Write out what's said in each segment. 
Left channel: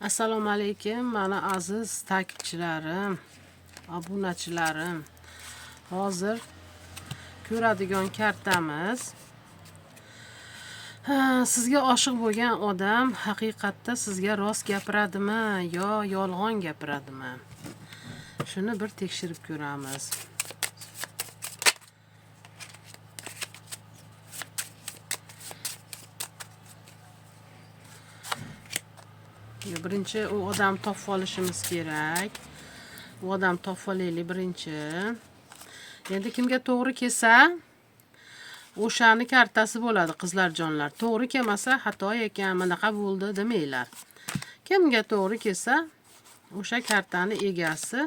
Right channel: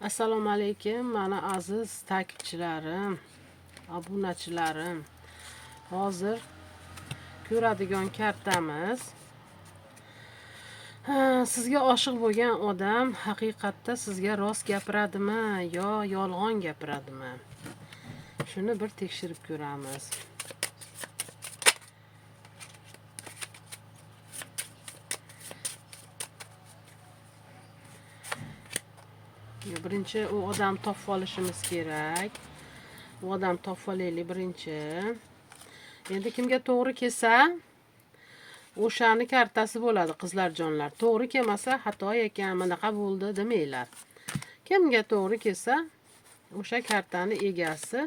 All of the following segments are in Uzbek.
Assalomu alaykum, mana aziz takipchilarim, obunachilarim. Hozir ko'radigan kartamiz. Sizga oshiq bo'lgan odam haqiqatda sizga rost gapiradimi yo yolg'on gapiradimi? Shuni bir tekshirib ko'ramiz. Birinchi u odam topib olishimiz kerak. U odam topib olaylik birinchi. Endi kimga to'g'ri kelsa, o'shani kartasi bo'ladi, qizlar jonlar. To'g'ri kelmasa, xato ekan, bunaqa bo'ldi demanglar. Kimga to'g'ri kelsa, o'sha kartani egasi.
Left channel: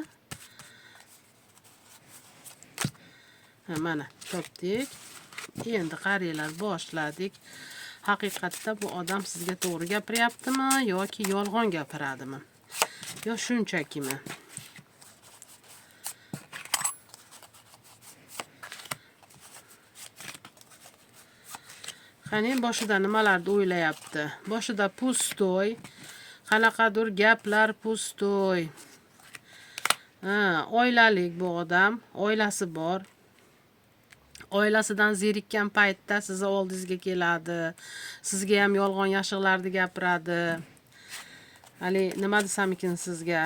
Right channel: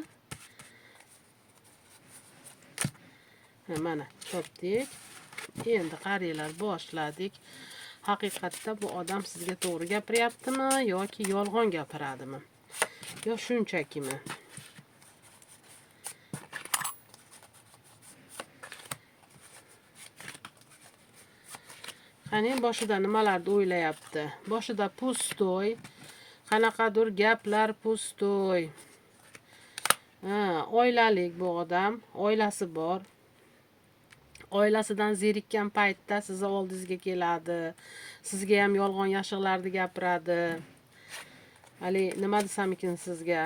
Mana topdik. Endi qaranglar, boshladik. Haqiqatda bu odam sizga to'g'ri gapiryaptimi yoki yolg'on gapiradimi? Yo shunchakimi? Qani boshida nimalarni o'ylayapti? Boshida pustoy, qanaqadir gaplar pustoy. Oilalik bu odam, oilasi bor. Oilasidan zerikkan paytda sizni oldingizga keladi. Sizga ham yolg'on yashiqlarni gapiradi. Ali nima desam ekan sizga?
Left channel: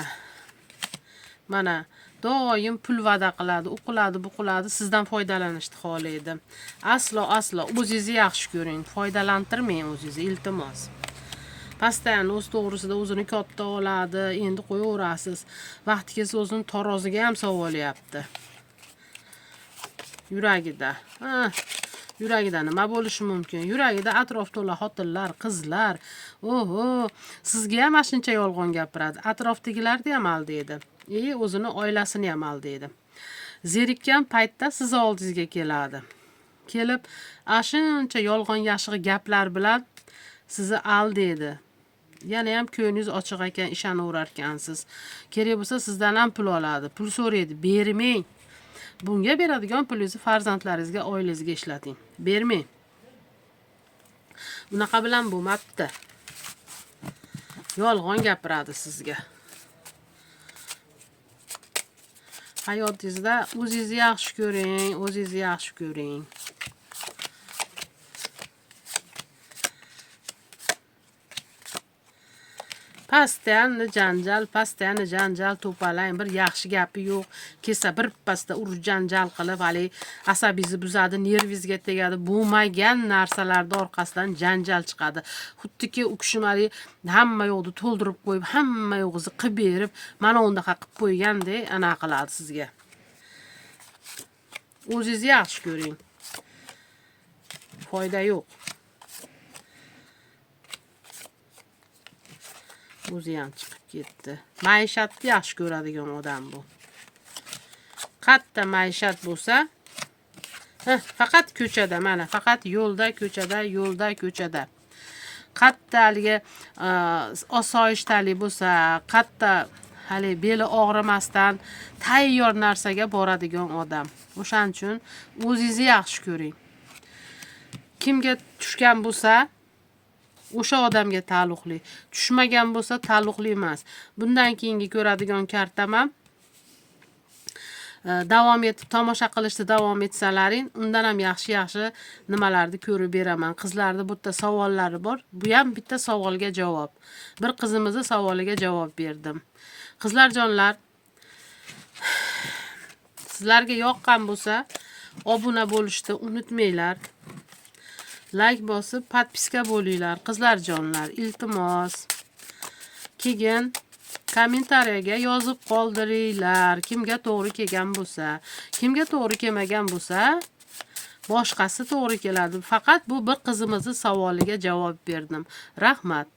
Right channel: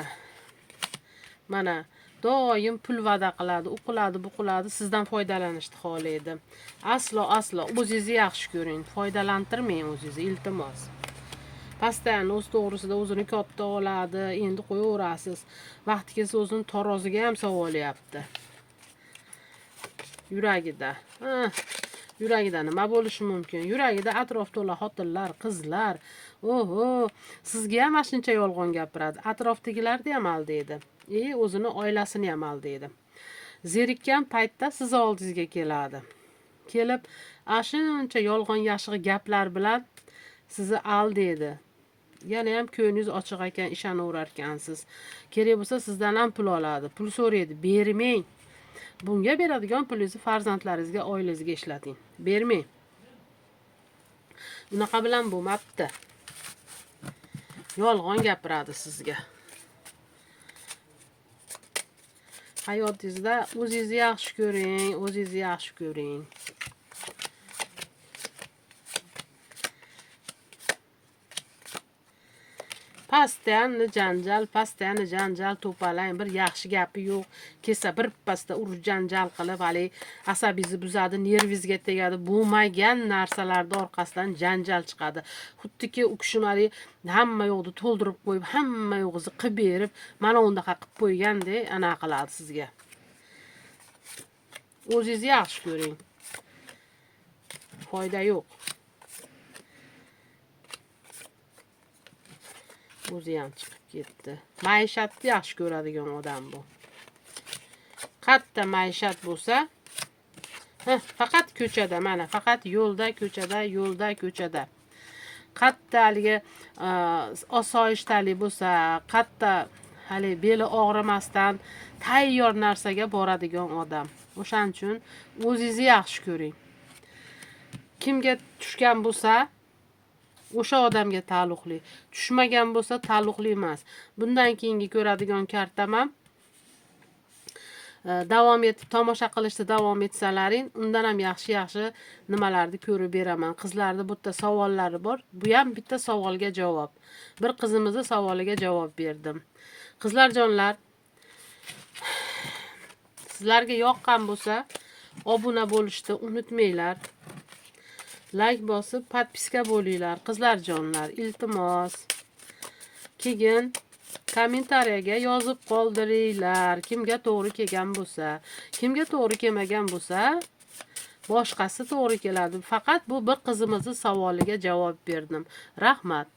Mana doim pul va'da qiladi, u qiladi, bu qiladi, sizdan foydalanishni xohlaydi. Aslo o'zingizni yaxshi ko'ring, foydalantirmang o'zingizni, iltimos. Pastayan o'z to'g'risida o'zini katta oladi, endi qo'yaverasiz. Vaqti kelsa o'zini taroziga ham sovolyapti. Yuragida nima bo'lishi mumkin? Yuragida atrof to'la xotinlar, qizlar. Oho, sizga ham shuncha yolg'on gapiradi. Atrofdagilarni ham aldaydi. O'zini oilasini ham aldaydi. Zerikkan paytda siz oldingizga keladi. Kelib, shuncha yolg'on yashiq gaplar bilan sizni aldaydi. Yana ham ko'nglingiz ochiq ekan, ishonaverar ekansiz. Kerak bo'lsa sizdan ham pul oladi. Pul so'raydi, bermang. Bunga beradigan pulingizni farzandlaringizga, oilangizga ishlating. Bermang. Bunaqa bilan bo'lmabdi. Yolg'on gapiradi sizga. Hayotingizda o'zingizni yaxshi ko'ring, o'zingizni yaxshi ko'ring. Pastani janjal to'palang, bir yaxshi gapi yo'q. Kelsa bir pasda urush janjal qilib, hali asabingizni buzadi, nervingizga tegadi. Bo'lmagan narsalarning orqasidan janjal chiqadi. Xuddiki u kishi hamma yo'qni to'ldirib qo'yib, hamma yo'g'izni qilib berib, mana undaqa qilib qo'ygandek ana qiladi sizga. O'zingizni yaxshi ko'ring. Foyda yo'q. O'zi ham chiqib ketdi. Maishatni yaxshi ko'radigan odam bu. Katta maishat bo'lsa, faqat ko'chada, mana faqat yo'lda, ko'chada. Katta haligi osoyishtalik bo'lsa, katta hali beli og'rimasdan tayyor narsaga boradigan odam. O'shaning uchun o'zingizni yaxshi ko'ring. Kimga tushgan bo'lsa, o'sha odamga taalluqli. Tushmagan bo'lsa taalluqli emas. Bundan keyingi ko'radigan kartam ham davom etib tomosha qilishda davom etsalaring, undan ham yaxshi nimalarni ko'rib beraman. Qizlarning bitta savollari bor. Bu ham bitta savolga javob. Bir qizimizning savoliga javob berdim. Qizlar jonlar, sizlarga yoqqan bo'lsa, obuna bo'lishni unutmanglar. Like bosib, podpiska bo'linglar, qizlar jonlar, iltimos. Keyin kommentariyaga yozib qoldiringlar, kimga to'g'ri kelgan bo'lsa, kimga to'g'ri kelmagan bo'lsa, boshqasi to'g'ri keladi. Faqat bu bir qizimizning savoliga javob berdim. Rahmat.